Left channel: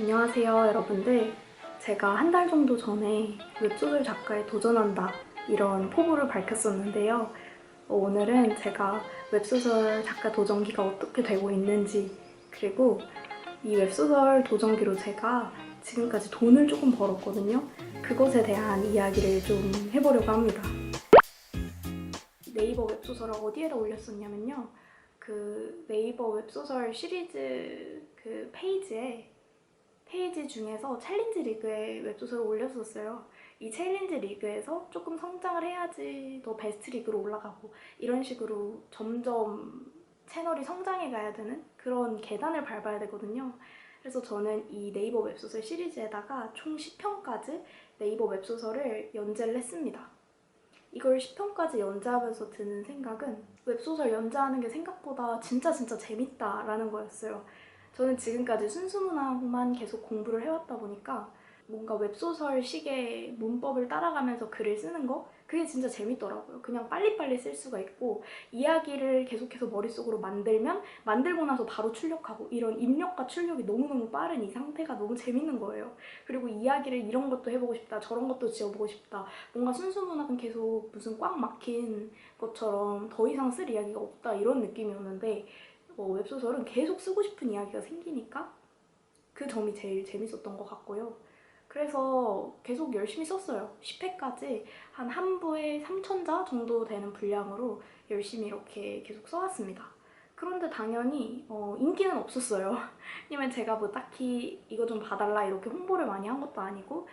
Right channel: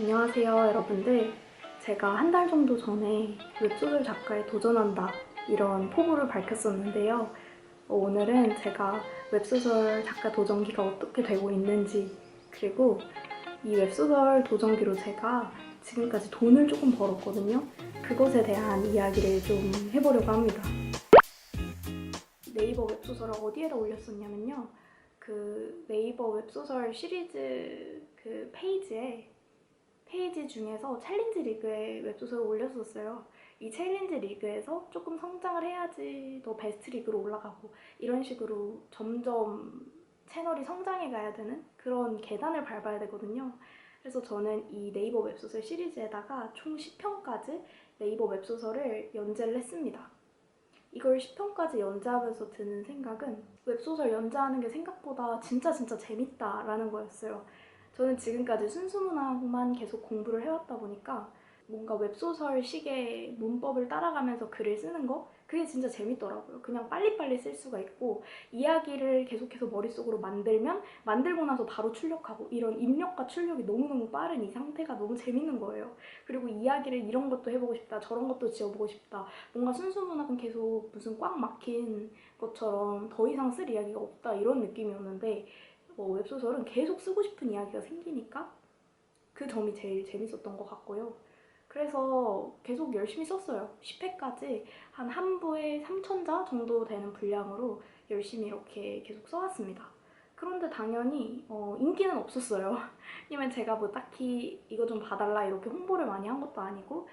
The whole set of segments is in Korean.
안녕하세요, 여러분들. 제가 한 달 정도 전에 웹소설 작가에 도전한다 이런 포부를 밝혔었는데요. 오늘은 제가 웹소설 작가 도전기가 어떻게 되고 있는지, 그리고 이 웹소설 도전기로 제가 지금까지 돈을 조금 벌었거든요. 그것에 대한 이야기를 좀 해보려고 합니다. 네이버 웹소설을 어디에다 올렸었냐면요. 그 네이버 웹소설 시리즈 그 페이지 중에서 챌린지 리그에 웹소설을 올렸었어요. 이 챌린지 리그에서 조금 성장을 해야지 더 베스트 리그로 올라가고 이런 식으로 점점 채널이 성장해 가야 되는 그런 계단을 밟아야 되거든요. 그래서 저는 이 네이버 웹소설 시리즈에다가 총 10편까지 네이버 웹소설을 연재를 했습니다. 이걸 10편까지 연재하면서 드는 생각은 웹소설 연재하는 게 생각보다 진짜 재밌다라는 거였어요. 저는 지금까지 순수문학만 계속 공부를 해왔다 보니까 뭔가 웹소설식의 문법을 따라가면서 글을 쓰는 거? 그게 진짜 재밌더라고요. 그냥 빨리빨리 쓸 수가 있고 이야기를 계속해서 머릿속으로 만들고 나서 바로 출력하고 이런 입력과 출력이 너무너무 빠른 이 상태가 너무 재밌는 거예요. 그리고 이야기를 이런 것도 해보고 싶다, 저런 것도 지어보고 싶다. 뭔가 순수문학은 계속 무슨 꽉 막힌 것처럼 더 이상 쓸 이야기가 없다 이런 느낌이었는데 웹소설은 계속 쓰고 싶은 이야기가 생기니까 그 점이 제일 재밌었던 것 같고요. 그래서 계속 열심히 썼어요. 10회까지 한 부에 3,000자 정도 되는 분량으로 열심히 이렇게 계속 써왔습니다. 그런데 당연히 인기는 없었어요. 왜냐면 제가 뭐 딱히 이거 좀 봐달라 이렇게 홍보를 많이 한 것도 아니고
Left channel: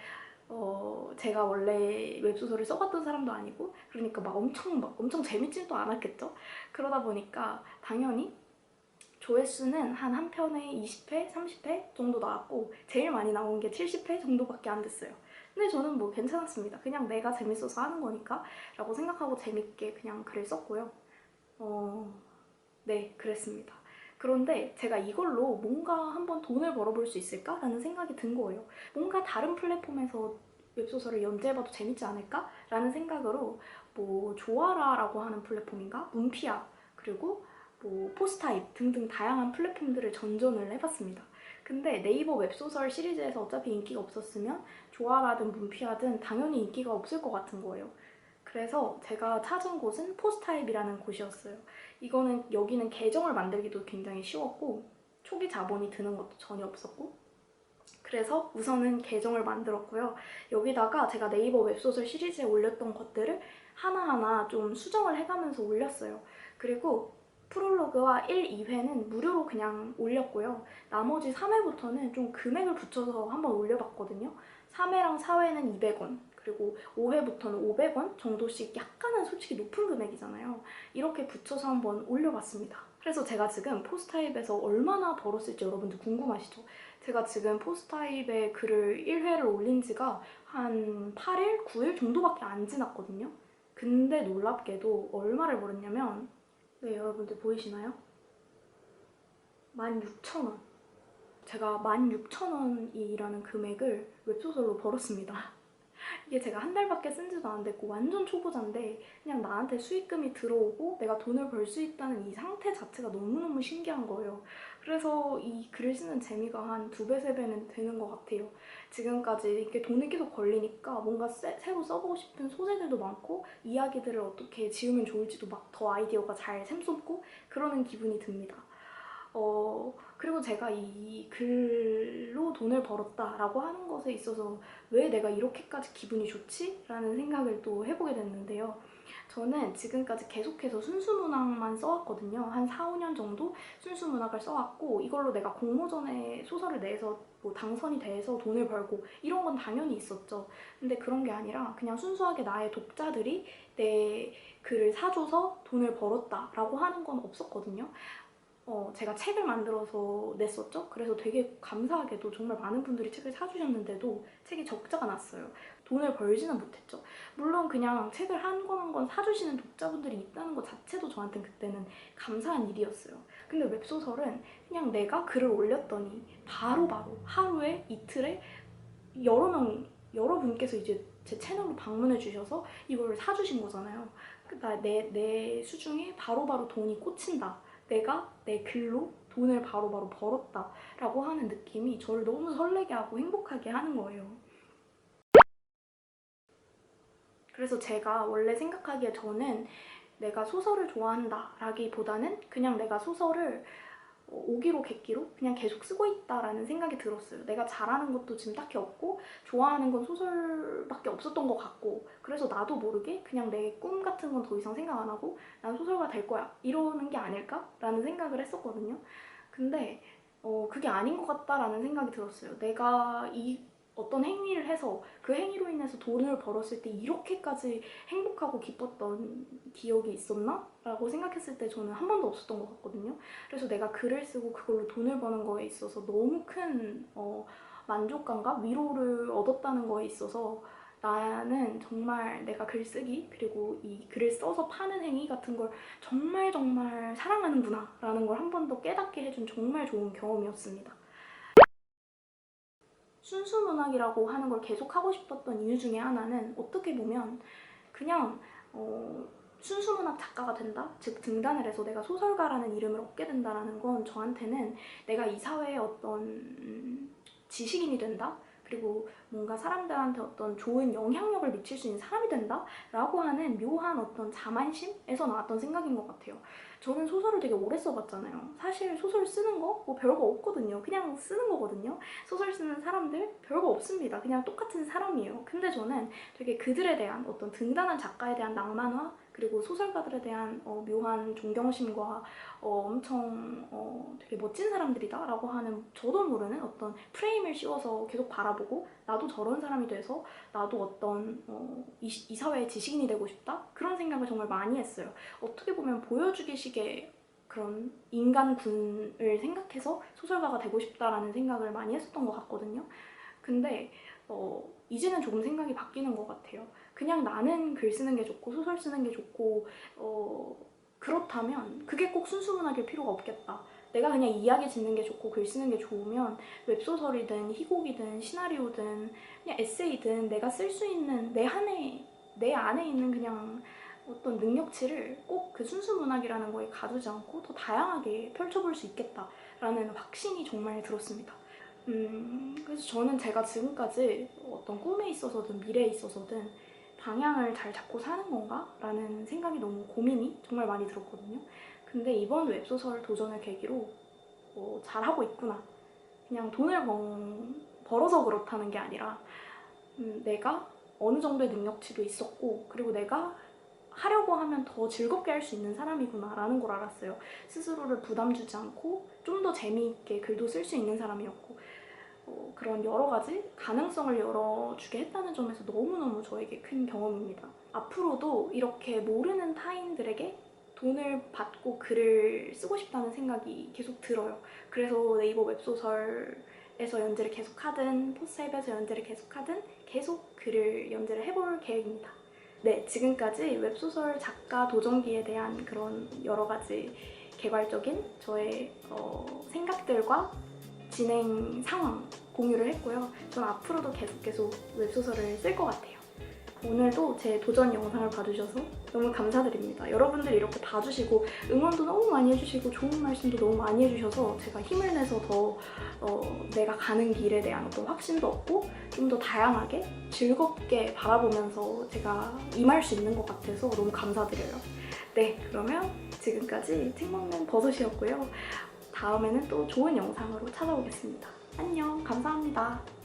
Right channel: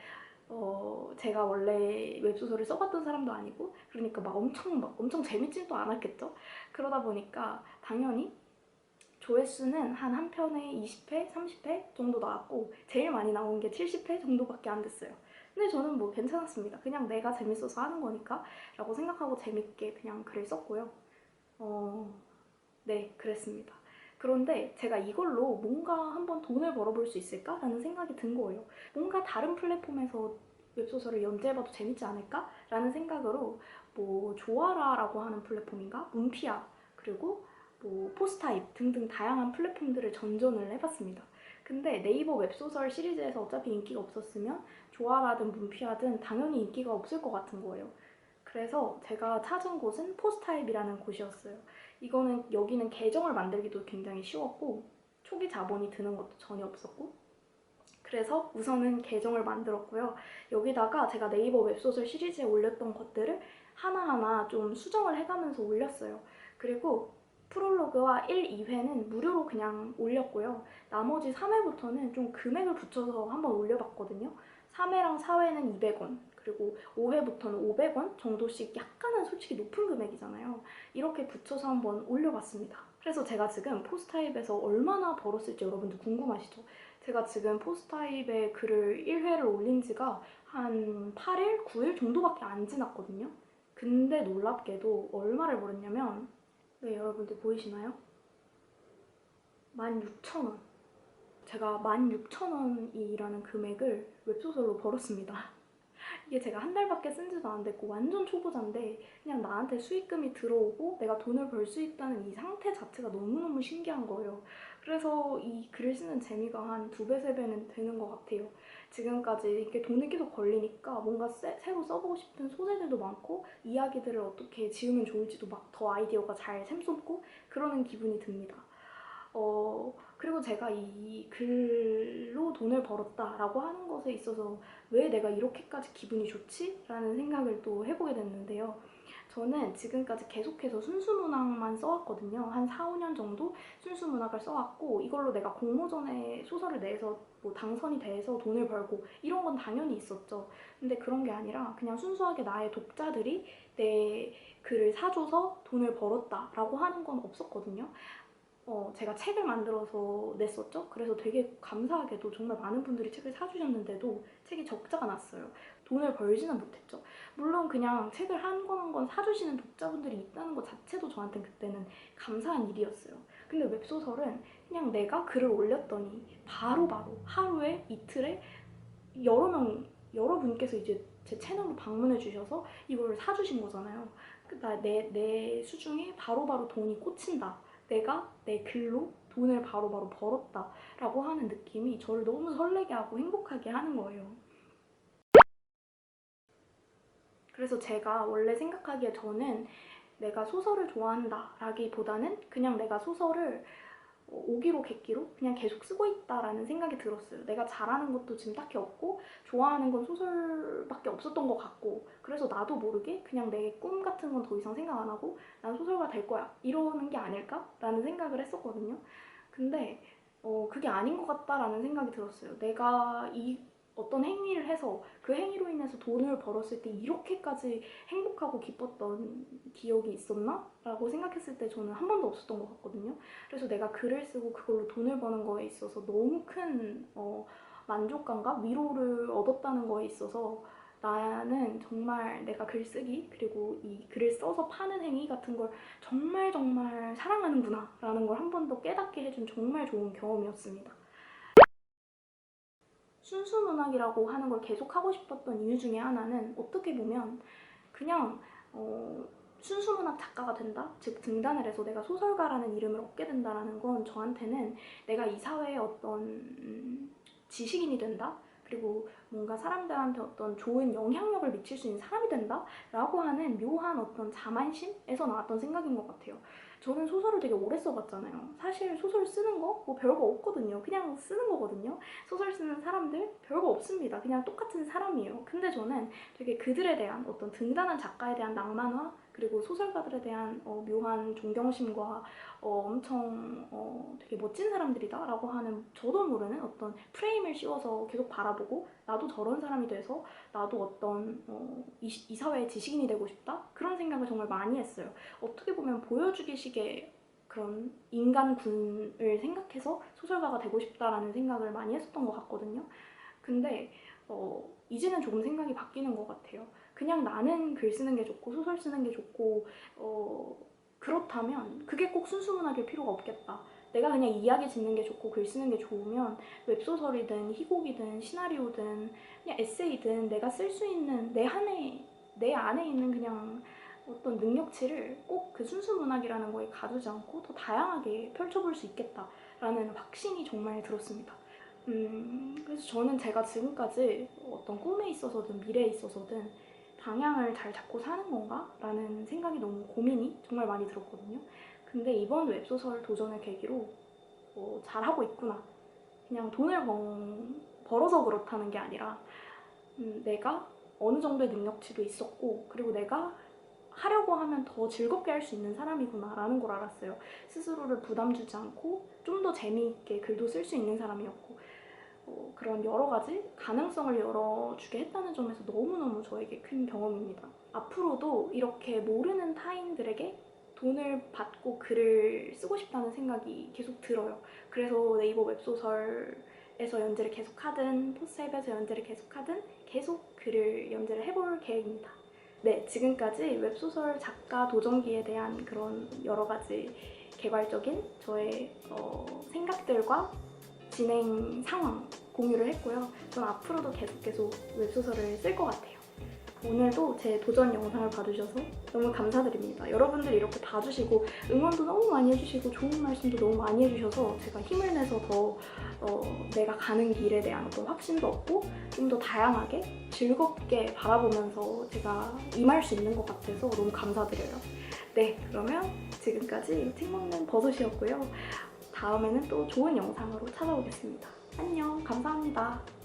제가 원래 웹소설을 써봤던 사람도 아니고 그러니까 막 엄청 재밌지도 않았겠죠? 그러다 보니까 당연히 조회수는 한 편에 20회, 30회 정도 나왔고 제일 많이 나온 게 70회 정도밖에 안 됐어요. 근데 저는 뭐 괜찮았습니다. 그냥 내가 재밌어서 하는 거니까 라고 생각하고 재밌게 그냥 글을 썼고요. 네, 그랬습니다. 그런데 제가 이걸로 뭔가 한번 돈을 벌어볼 수 있을까라는 생각이 든 거예요. 뭔가 다른 플랫폼에서 웹소설을 연재해봐도 재밌지 않을까? 라는 생각으로 뭐 조아라라고 하는 플랫폼인가? 문피아 그리고 뭐 포스타입 등등 다양한 플랫폼들을 전전을 해봤습니다. 근데 네이버 웹소설 시리즈에서 어차피 인기가 없었으면 조아라든 문피아든 당연히 인기가 없을 것 같은 거예요. 그래서 제가 찾은 곳은 포스타입이라는 곳이었어요. 여기는 계정을 만들기도 굉장히 쉬웠고 초기 자본이 드는 것도 전혀 없었고 그래서 우선은 계정을 만들었고요. 여기다가 제가 네이버 웹소설 시리즈에 올렸던 것들을 하나하나 좀 수정을 해가면서 올렸어요. 그리고 프롤로그와 1, 2회는 무료로 그냥 올렸고요. 나머지 3회부터는 좀 금액을 붙여서 한번 올려봤거든요. 3회랑 4회는 200원, 그리고 5회부터는 500원 정도씩 약간은 솔직히 높은 금액이잖아요. 이렇게 붙여서 한번 올려봤습니다. 그래서 제가 지금 포스타입에서 얼마나 벌었을지 여러분들 궁금하시죠? 제가 지금 포스타입에 글을 1회를 올린 지가 한 8일, 9일 정도밖에 안 지났거든요. 근데 놀랍게도 얼마를 벌었냐면 네, 여러분들 보이시나요? 16,000원. 제가 16,000원이라는 금액을 웹소설로 벌었습니다. 이게 제가 한 달밖에 쓴 지도 안 됐고 완전 초보자인데 그냥 나한테 수익금이 들어오고 내가 돈을 벌 수 있다는 이 상태 자체가 너무너무 신기한 거예요. 그래서 이 글을 쓰는 재미가 한 2배, 3배는 되는 것 같아요. 지금까지 이렇게 돈이 계속 걸리니까 뭔가 새로 써보고 싶은 소재들도 많고 이야기들을 어떻게 지으면 좋을지도 막 더 아이디어가 잘 샘솟고 그러는 기분이 듭니다. 그리고 제가 이 글로 돈을 벌었다라고 하는 것에 있어서 왜 내가 이렇게까지 기분이 좋지? 라는 생각을 또 해보게 됐는데요. 저는 지금까지 계속해서 순수문학만 써왔거든요. 한 4, 5년 정도 순수문학을 써왔고 이걸로 내가 공모전에 소설을 내서 뭐 당선이 돼서 돈을 벌고 이런 건 당연히 있었죠. 근데 그런 게 아니라 그냥 순수하게 나의 독자들이 내 글을 사줘서 돈을 벌었다라고 하는 건 없었거든요. 제가 책을 만들어서 냈었죠. 그래서 되게 감사하게도 정말 많은 분들이 책을 사주셨는데도 책이 적자가 났어요. 돈을 벌지는 못했죠. 물론 그냥 책을 한 권 한 권 사주시는 독자분들이 있다는 것 자체도 저한테는 그때는 감사한 일이었어요. 근데 웹소설은 그냥 내가 글을 올렸더니 바로바로 하루에 이틀에 여러분께서 이제 제 채널로 방문해 주셔서 이걸 사주신 거잖아요. 내 수중에 바로바로 돈이 꽂힌다. 내가 내 글로 돈을 바로바로 벌었다라고 하는 느낌이 저를 너무 설레게 하고 행복하게 하는 거예요. 그래서 제가 원래 생각하기에 저는 내가 소설을 좋아한다 라기보다는 그냥 내가 소설을 오기로 객기로 그냥 계속 쓰고 있다라는 생각이 들었어요. 내가 잘하는 것도 지금 딱히 없고 좋아하는 건 소설밖에 없었던 것 같고, 그래서 나도 모르게 그냥 내 꿈 같은 건 더 이상 생각 안 하고 난 소설가 될 거야 이러는 게 아닐까라는 생각을 했었거든요. 근데 그게 아닌 것 같다라는 생각이 들었어요. 내가 이 어떤 행위를 해서 그 행위로 인해서 돈을 벌었을 때 이렇게까지 행복하고 기뻤던 기억이 있었나? 라고 생각했을 때 저는 한 번도 없었던 것 같거든요. 그래서 내가 글을 쓰고 그걸로 돈을 버는 거에 있어서 너무 큰 만족감과 위로를 얻었다는 거에 있어서 나는 정말 내가 글쓰기 그리고 이 글을 써서 파는 행위 같은 걸 정말 정말 사랑하는구나 라는 걸 한 번 더 깨닫게 해준 정말 좋은 경험이었습니다. 순수문학이라고 하는 걸 계속 하고 싶었던 이유 중에 하나는 어떻게 보면 그냥 순수문학 작가가 된다? 즉 등단을 해서 내가 소설가라는 이름을 얻게 된다는 건 저한테는 내가 이 사회에 어떤 지식인이 된다? 그리고 뭔가 사람들한테 어떤 좋은 영향력을 미칠 수 있는 사람이 된다? 라고 하는 묘한 어떤 자만심에서 나왔던 생각인 것 같아요. 저는 소설을 되게 오래 써봤잖아요. 사실 소설 쓰는 거 뭐 별거 없거든요. 그냥 쓰는 거거든요. 소설 쓰는 사람들 별거 없습니다. 그냥 똑같은 사람이에요. 근데 저는 되게 그들에 대한 어떤 등단한 작가에 대한 낭만화 그리고 소설가들에 대한 묘한 존경심과 엄청 되게 멋진 사람들이다 라고 하는 저도 모르는 어떤 프레임을 씌워서 계속 바라보고 나도 저런 사람이 돼서 나도 어떤 이 사회의 지식인이 되고 싶다? 그런 생각을 정말 많이 했어요. 어떻게 보면 보여주기식의 그런 인간군을 생각해서 소설가가 되고 싶다라는 생각을 많이 했었던 것 같거든요. 근데 이제는 조금 생각이 바뀌는 것 같아요. 그냥 나는 글 쓰는 게 좋고 소설 쓰는 게 좋고 그렇다면 그게 꼭 순수문학일 필요가 없겠다. 내가 그냥 이야기 짓는 게 좋고 글 쓰는 게 좋으면 웹소설이든 희곡이든 시나리오든 그냥 에세이든 내가 쓸 수 있는 내 안에 있는 그냥 어떤 능력치를 꼭 그 순수문학이라는 거에 가두지 않고 더 다양하게 펼쳐볼 수 있겠다라는 확신이 정말 들었습니다. 그래서 저는 제가 지금까지 어떤 꿈에 있어서든 미래에 있어서든 방향을 잘 잡고 사는 건가? 라는 생각이 너무 고민이 정말 많이 들었거든요. 근데 이번 웹소설 도전을 계기로 잘하고 있구나. 그냥 돈을 벌어서 그렇다는 게 아니라 내가 어느 정도의 능력치도 있었고 그리고 내가 하려고 하면 더 즐겁게 할 수 있는 사람이구나 라는 걸 알았어요. 스스로를 부담 주지 않고 좀 더 재미있게 글도 쓸 수 있는 사람이었고 그런 여러 가지 가능성을 열어주게 했다는 점에서 너무너무 저에게 큰 경험입니다. 앞으로도 이렇게 모르는 타인들에게 돈을 받고 글을 쓰고 싶다는 생각이 계속 들어요. 그래서 네이버 웹소설에서 연재를 계속하든 포스타입에서 연재를 계속하든 계속 글을 연재를 해볼 계획입니다. 네, 지금까지 웹소설 작가 도전기에 대한 그런 여러 가지 개괄적인 저의 생각들과 진행 상황 공유를 했고요. 전 앞으로도 계속 웹소설을 쓸 것 같아요. 오늘도 제 도전 영상을 봐주셔서 너무 감사드립니다. 여러분들이 이렇게 봐주시고 응원도 너무 많이 해주시고 좋은 말씀도 너무 많이 해주셔서 제가 힘을 내서 더 내가 가는 길에 대한 어떤 확신도 얻고 좀 더 다양하게 즐겁게 바라보면서 제가 임할 수 있는 것 같아서 너무 감사드려요. 네, 그러면 지금까지 책 먹는 버섯이었고요. 다음에는 또 좋은 영상으로 찾아오겠습니다. 안녕, 감사합니다.